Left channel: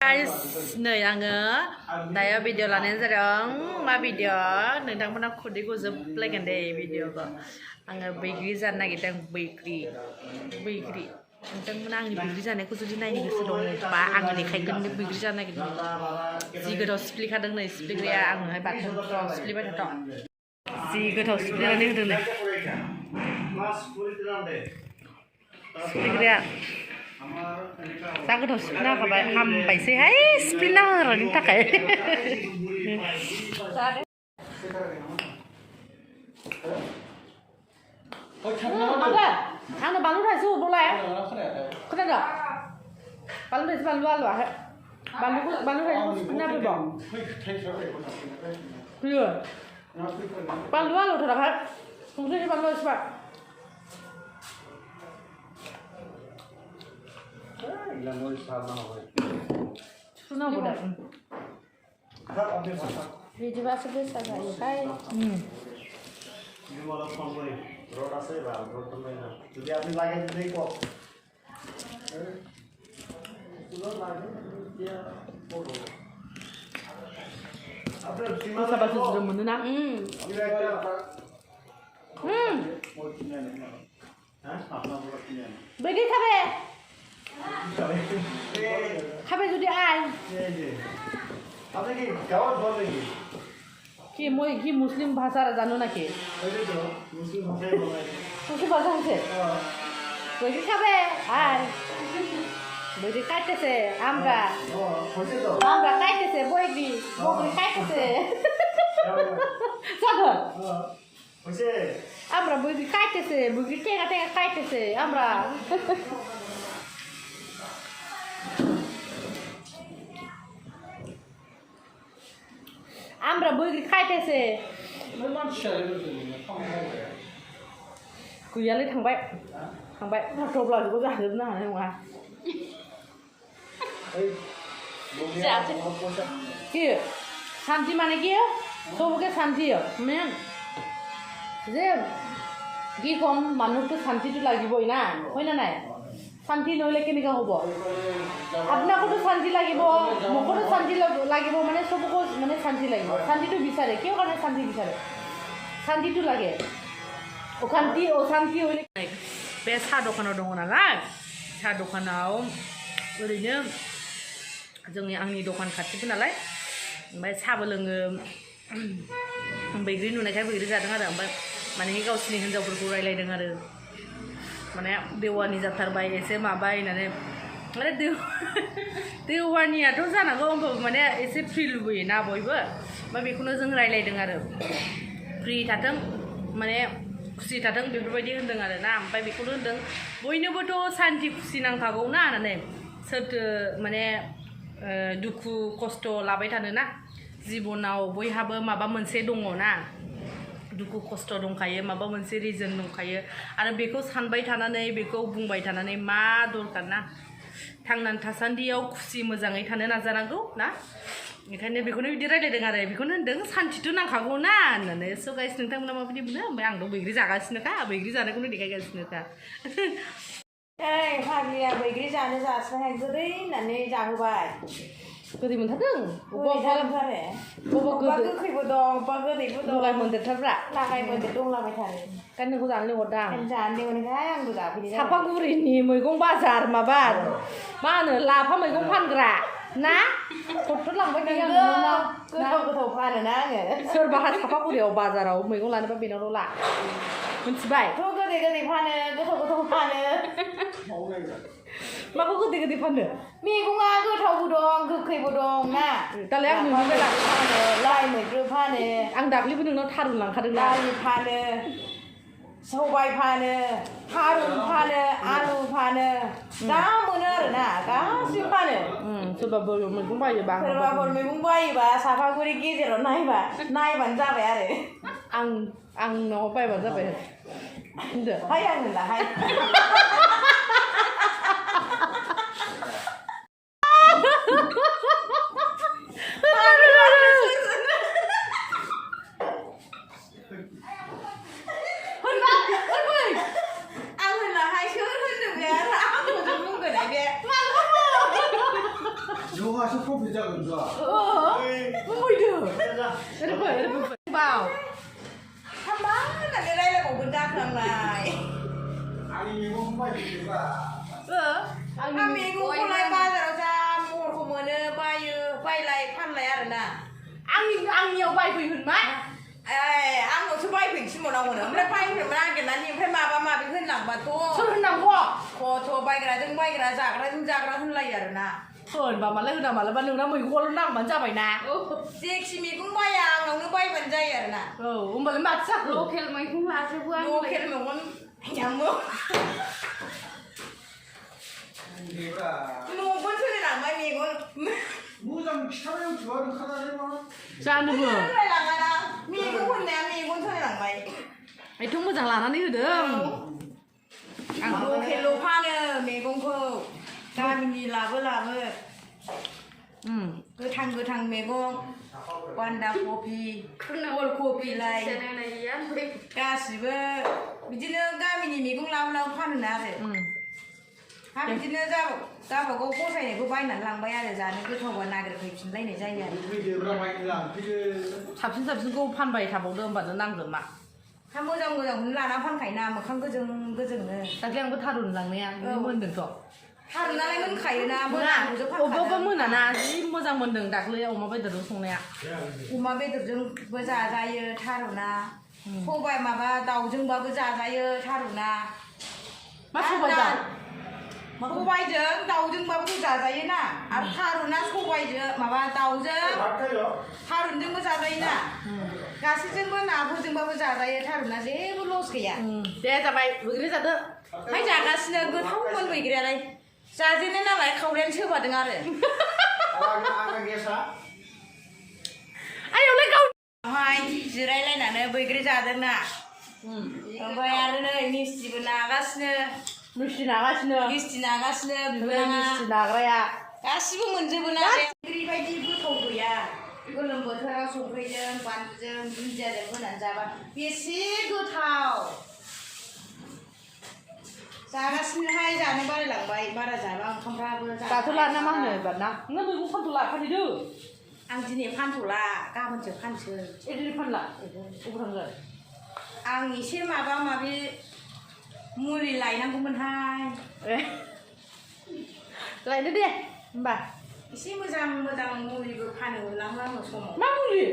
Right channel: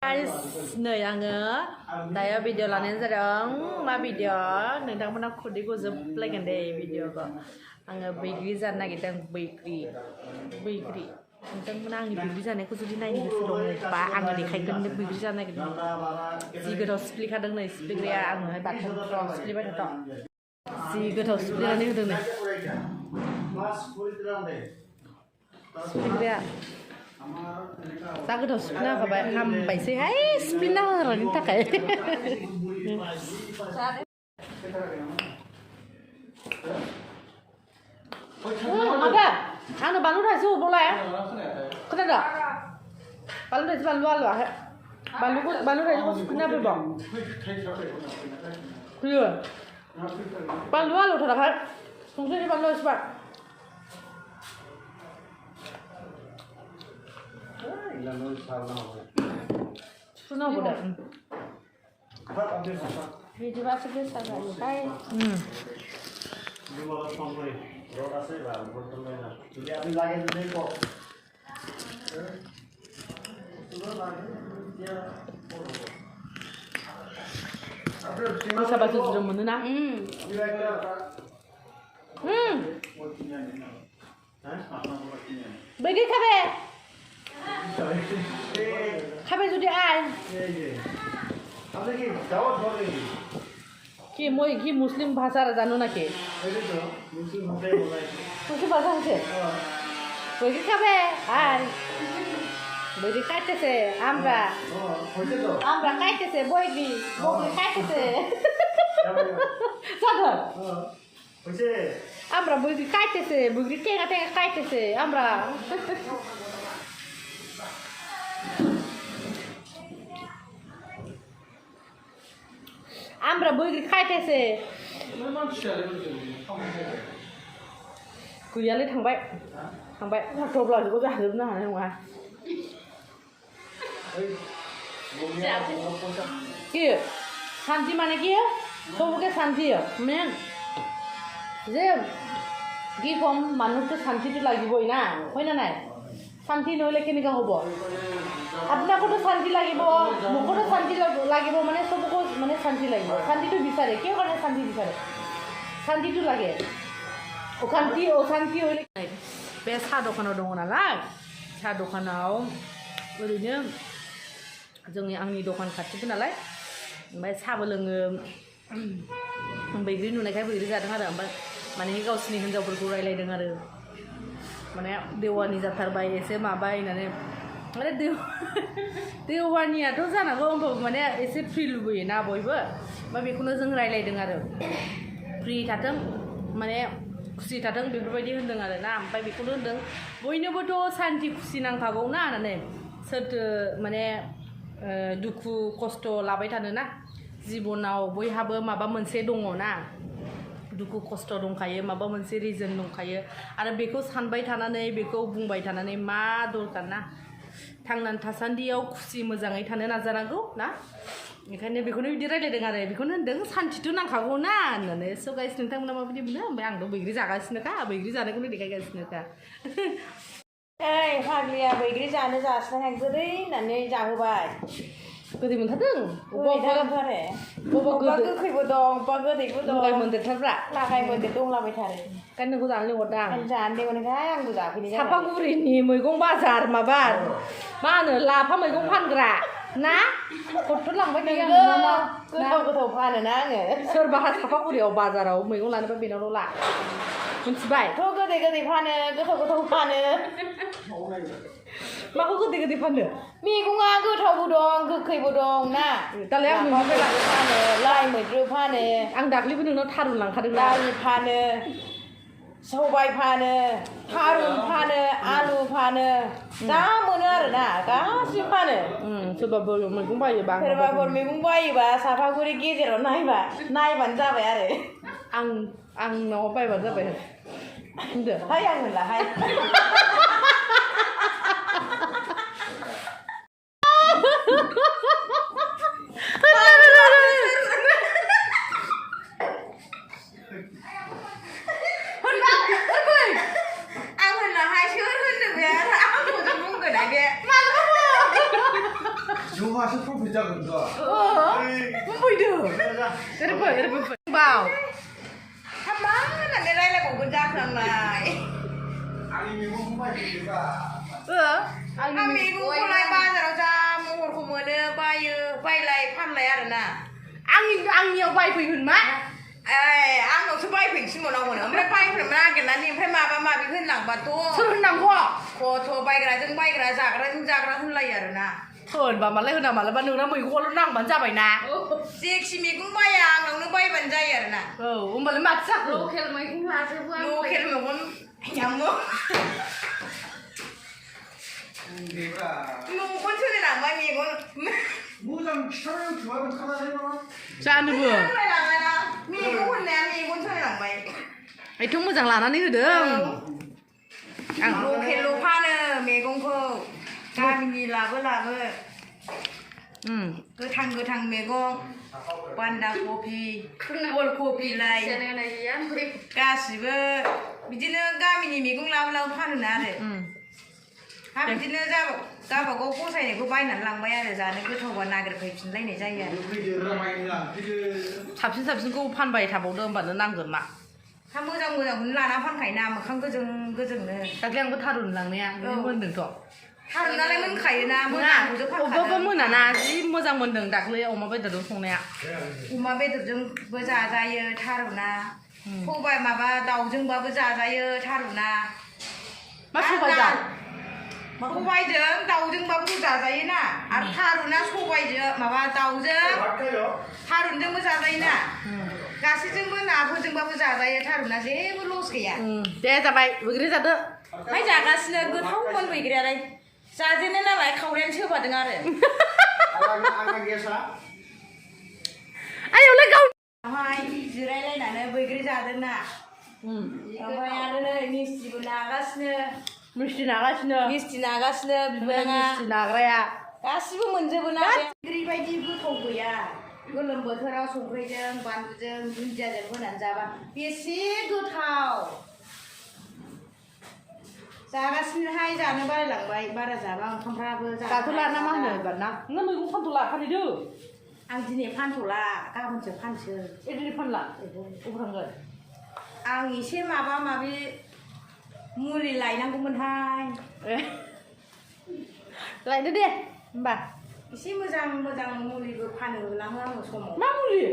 Guys, नै आङो दायो भिडिअ लानायानो जादों मा भिडिअ नोंथांमोना खुदैखौ जोबलायगोन दे भिडिअखौ आङो बैग्रि जानो नागिरदों बैग्रि नोंथांमोना आंनि बैग्रि जानायखौ जुदि नायनो गोसो दङबा आङो देखायगोन बैग्रि जानो नागिरदों जि गोथाव सिफ्लेखादों नै सिफ्लेग्राया आङोहाय बाथोनफ्राव सिफ्लेबाय थाथ' जि गोथाव सिफ्लेनानै होदों नै सिफ्लेग्राया जा गोथाव सिफ्लेना होखाबाय हामबायसैहाय सिफ्लेना होनायनि थाखाय आंनो बानलु थाइसे हरबावलाय खोनादों बानलु थाइसे बानलु आलुआहाय बानलु थाइसेखौ सिफ्लेना होफैबाव होयो बानलु आलुथाराहाय संख्रि बानलु एसेबां सुनांगौ दे बिदिबासो गोसा जायोहाय गोसाबासो ज्रोम मोनोना बैग्रि খাবে যদি আয় কি মই কি মুসলিম ভাষা জানো নাকি মুসলিম ভাষা হচ্ছে বৈকি খাবে আয় বৈকি খাইতেছে আমরা খাইতেছে বৈকি খাইতেছে জানো আমরা বৈকি খাইতেছে বৈকি টেঙা খাইতেছে আমরা আমরা বৈগ্রি খাইতেছে गैयालै थांबाय थब्लाजोंबो जाजोबनो हानाय नङा কি শান্তি মানে কি চবকে শান্তি মেন যে কি কম মানুহটো শান্তিটো লাগিবই না হয় না নাই শান্তি নহ'লে কেনেকৈ হ'ব আপোনাকোতো শান্তি লাগিব মোকোতো শান্তি লাগিব মানে চবকো মানে শান্তি লাগিব শান্তিটো বিচাৰে কিয় কাৰণে শান্তি বিচাৰে শান্তিটো লাগে অশান্তি হ'লে बे साहा दखानाव दङ नालाय साहा दखानाव ओरैनो आंनि दखान खाथिबो नालाय ओमफ्राय साहाबो लोङो बैग्रि नुनायखाय बैग्रि जादों आरो ओमफ्राय माने गावसिनि हिन्जावफोरखौ रायलायदों आरो माने देवानि जाथारबाय एसे माबाय होननानै माने देवानियाथ' जानांगौ होमबाबो माने एसे फ्रि लुबैयोना बयबो ओमफ्राय बेखौनो जों रायलायदों आरो फ्रि थाथों माने खुसि थाथों बेफोरबायदि होनदों आरो ना ओमफ्राय बेखौनो होनदों बयनोबोथ' सान्ति खुसि नांखागौ ना होननानै सोरथो माने दुखु खस्थ' लाबाय थानो ना जिबनाव बयहाबो माबा मोनसे दङ ना दुखु खस्थ' दंखायो माबा मोनसे रिजन दंखायो आरो बेखौ सानबाय थानानै बेखौ बुंबाय थानानै मा दरकार ना थांनानै थासान्दियाव खुसि मोजाङै थानो नाजानांगौ ना ओंखायनो बेखौनो बिदि रायलायदों आरो बेखौनो होनदों सान्थिथ' नांखागौ ना होननानै स' गाइस नोंथांमोना माबायदि मोनो ओमफ्राय आंथ' बैग्रि जागासिनोखा बैग्रि जानायखौनो देखायगासिनोखा ओइ फाग्लिया बैग्रि जानो जासिनाय गोदै होननानै जाहोबाय गोदै मोनथारदों अबेबा गोखैबो दं अबेबा गोदैबो दं लगाय मोनदेरथारब्रा लागाय मोनदेर दंलाबायथारो ओंखायनो नोंखौ जानो लिंहरदां जानो लिंहरनायखाय आंबो जाफैनाय सापागुरिनि मैगं बाजार माबा मा होनो लाफा मैगं फानग्रा ना गथ' लांबाय थायो आं नोंनाव गोथाव फानोना आङो सोरबाहा सापागुरियाव बाजाराव मैगं लानोबा बेनावल' ला मिथिबाय थ' गोदै फानो गोथाव फानो माखौ गोदै फानो मैगङा गोथावबो दं गोखैबो दं ना दालाय आं नोंनिफ्राय लाबो फानो लाइ मैद्रु फानो आं दाख्लैबो नोंनाव थारुन लांखादों ना दालि फानो सबाय फानो थारुन फानो आलु फानो जा मोनो आरोना गासिबो फानो सोरबाबो मैगं बायोबा सोरबाफोर मैगं बायोबा सापागुरि गेजेराव नायबानो जाबाय आरो आंनाव बायबानो जाबाय होनदो हाय आं होनलाहाय 이거 와서 프로필 작은 거. Muốn vui được. Cái đó phải vào. Thăm bán là cái đây là của bên gia thường này. 아니 이거 정말 이거가. Amigo con lại ba giờ ra một của mình bay lại phan lại rồi nè. Ăn nhiều bay quỳ hình má. Ăn nó sẽ bay phình xin một đồng nữa. Mới bay phình mà cái này thì phải mà bịขึ้นหลังประตู Sao hình nằm kho? โคไปกระจึงไปกระจากกระจึงจากกระทึ่งไรอย่างน่ะ Thôi bà mà lấy hình nào mà lấy ban đường nó mình qua lúc nào bắn ra bài nà. เสียกชิมีกุ้งใบยางน้องนึกใบบันใจอย่างน่ะ Ông bà lấy mặt sắc. Ok là mày cũng là sẽ vừa ดูเข็นเหมือนคนยำมือ 이거가 มูคนชื่อหลังไม่มีคน 무장 촬영 좋아하는 카나리로. Cha ăn ชื่ vừa. อหลังเลยนะมีคนแนมมีคนชื่อหลังไป Ai chúng mà rằng là nó đi được. ดูเข็นลูกผ้าเนี่ยมีกุ้งโคการมีลาเบลาเบ cứ thằng mẹ con quan đa kopi wol kopi lai Cho nên là gì á ca sĩ bơ bây giờ ga mình mình cũng lau phan được nè rồi ha bây giờ ra bảo cô thầy này cô bay nản lằng bay ra rồi này cứ thầu quan na cái phải chín lấy này ra vậy 미디어랑 많이랑 그 잡신 cô phan bày thả bóng đơm và nó năng rồi mà. tham mưa rằng là nó phan khải nam mà không cứ dừng nữa Các em có tha đồn lằng nè, mơn đường trọ. tha nó lấy mình khải na mưa nào cũng Ô bơ mơn là chỉ mua rằng mơn đường đặc lấy ông mà bây giờ đồ xong nè. mà bây giờ dừng bây giờ ra tha rồi na cô bay mà ba đầu dừng ba bây giờ ra tha rồi na Mắt không phải giả. cô bay giờ đầu dừng ba bây giờ ra na à tha rồi na cô bay giờ mà ba đầu giờ 맞아요. tha rồi bây giờ ra na 가시증은 아버증 바보 자다에 타루나 제부 로스게야. Để ra bay, vừa cái ra đó. Hay giả 가시는 그 통문 왜 그래 래. 자지는 나라에 카우렌 쳐 받은 아래. 안 계사. Ai lấy câu. 하이 지라이 래 나는 왜 그래 자든나. 뭐야는 미스티브 나가시는 Mesti nagasnya. 미스티 나가시는 Mesti nagraya. 가시고 문제구나. 그리 바이디 그 통구야. गोलोम बोथोराव संख्रिजों बानलुजों दुन्दियाजों होनानै जाबा बेसे गोथाव जागासिनोहाय जानो बारायलांबाय बारा जाबा ओंखामफ्राबो Tatola na mang người bạn na. Nó mới cũng phan tula phan đi đưa. आं दिनै फानथ'ला गाबोनसो फानसै Ê đi phan lại. Ông thằng rồi. आं एसे माबा माबि मुलि लायनांगौमोनहाय Lại nữa đi. Bà. एसे मोजां मुलिबो फानो लांनांगौ समाव Má muli.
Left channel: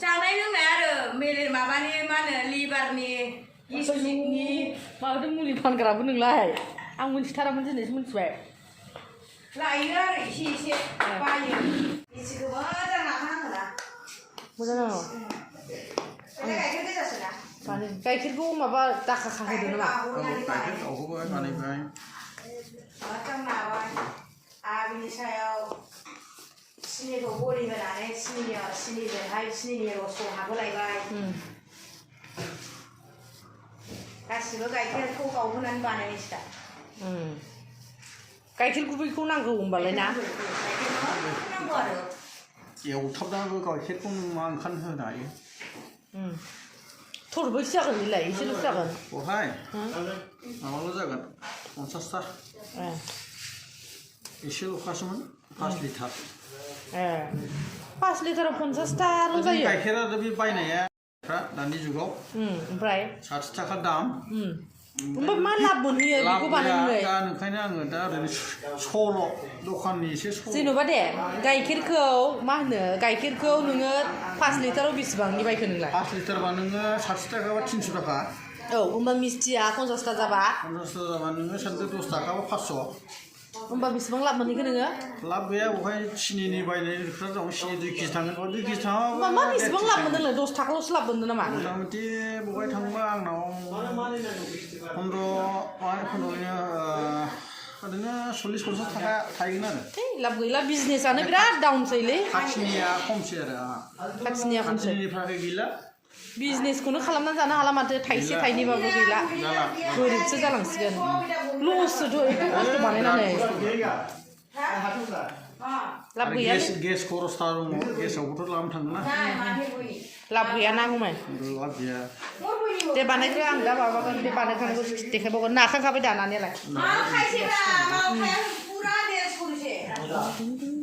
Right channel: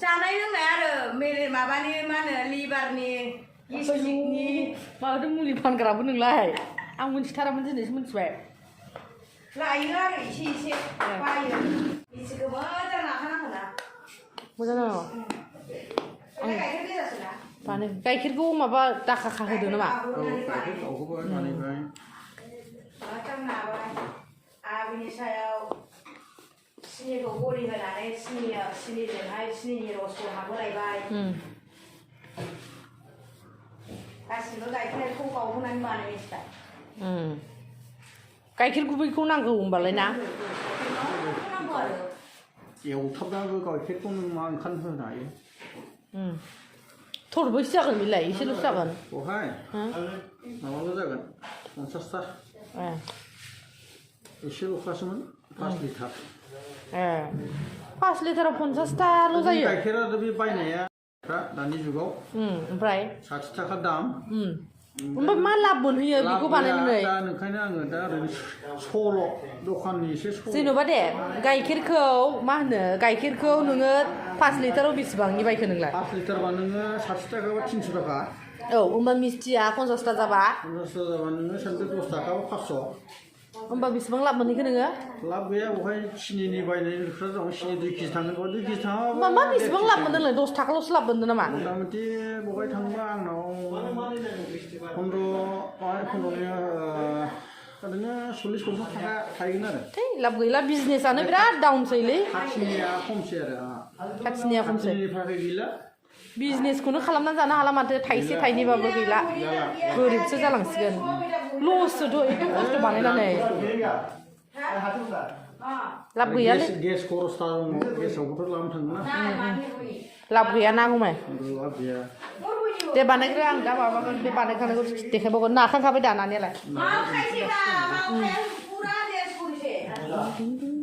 जानाय लोंनाय आरो मेले माबानि मा होनो लिभारनि गेस्ट्रिकनि Mà cái muli phan cả bữa nương lại. Ông muốn thara muốn gì muốn xoay. लायो आरो एसे बायो एसेखौबो मोजां लाखानांगौ ना Mua nào? गाइखेर गोजासो ना Toàn gaykirku माबा दाखा खाहोदो नामा? 가이드 오고 가니까. मोजां नाबाय आरो बिनि सायाव सिनिखौ गलि होनानै सिनिजोंहाय सिनिनि रसखौ हाबहोलायबाय गासिबो गाइखेरखौ गावहोनानै बानायनायसो दा गाइखेर गुबैखौ नांगौ होनबालाय ना? नांगौ आरो एवथाबनाबो गाइखेरखौ नों मा ओंखाम होनो हायो थरबैसो जागोन बेलाय एसेल' जागोन बहाय माबाल' जागोन 50ता एसेल'खासोमोन 5 लिटार 5 लिटाराव 50ताल' जायो गाइखेरा बे बायनाया दानि जुगाव ओमफ्राय 60 थाखा दाम ओमफ्राय मा लाब मोनहैयो बेखौ बानायनानै दा ओंखायनो आङो दा ओरैनो सल' दखाननि एसे सल' जेन'बा दे गाइखेरखौ मा होनो गाइखेरखौ नोङो 5 लिटाराव बेसेबांनि बायखो नोंलाय 5 लिटारबा नोङो 60 थाखा बा 300 थाखा औ होमबा मिस्टिया 50ता जाबा 50 जाबा नोङो सानसे 10 थाखा बा 500 होमबा बेसेबां लाब मोनहैखो नोङो लाब गैया बहाय सिनिनि बायनायफ्रा दं सिनि 2 केजि थाङो 2 केजि थाङाबा होमबा मा बेसेबां लाब मोनदों नोंलाय 10 थाखाल'सो लाब मोनदों नामा मथा मथि बहाय थांबा आंनाव 15 ओरैनो 40-50 थाखा थाहैगोन आरो थै लाब गैला बिजनेसआनो बिराद डाउनसैलै खाथिनिया खमसै आरो आंहा खाथिनिया खमसै खाथिनिफ्राय गैला बिजनेसखौनो खालामनानै जानो हाला माथो थाइसे थाइनैबाबो गैला गोरिबसो जालांसिगोन लससोथ' एथ' खस्थ' बानायनानै लाब गैयालै गेस खरसथा दङ गेसावबोथ' लानो थाङो ना लाब गैया ना गुमै लाब गैया दे बानायग्रो आं दा माबागोन बे बानायखानायखौ देखायबावगोन नाखांखाबाय दानानैलाय खायसेबा माबाया पुरा देर सरिसे Ding, ding.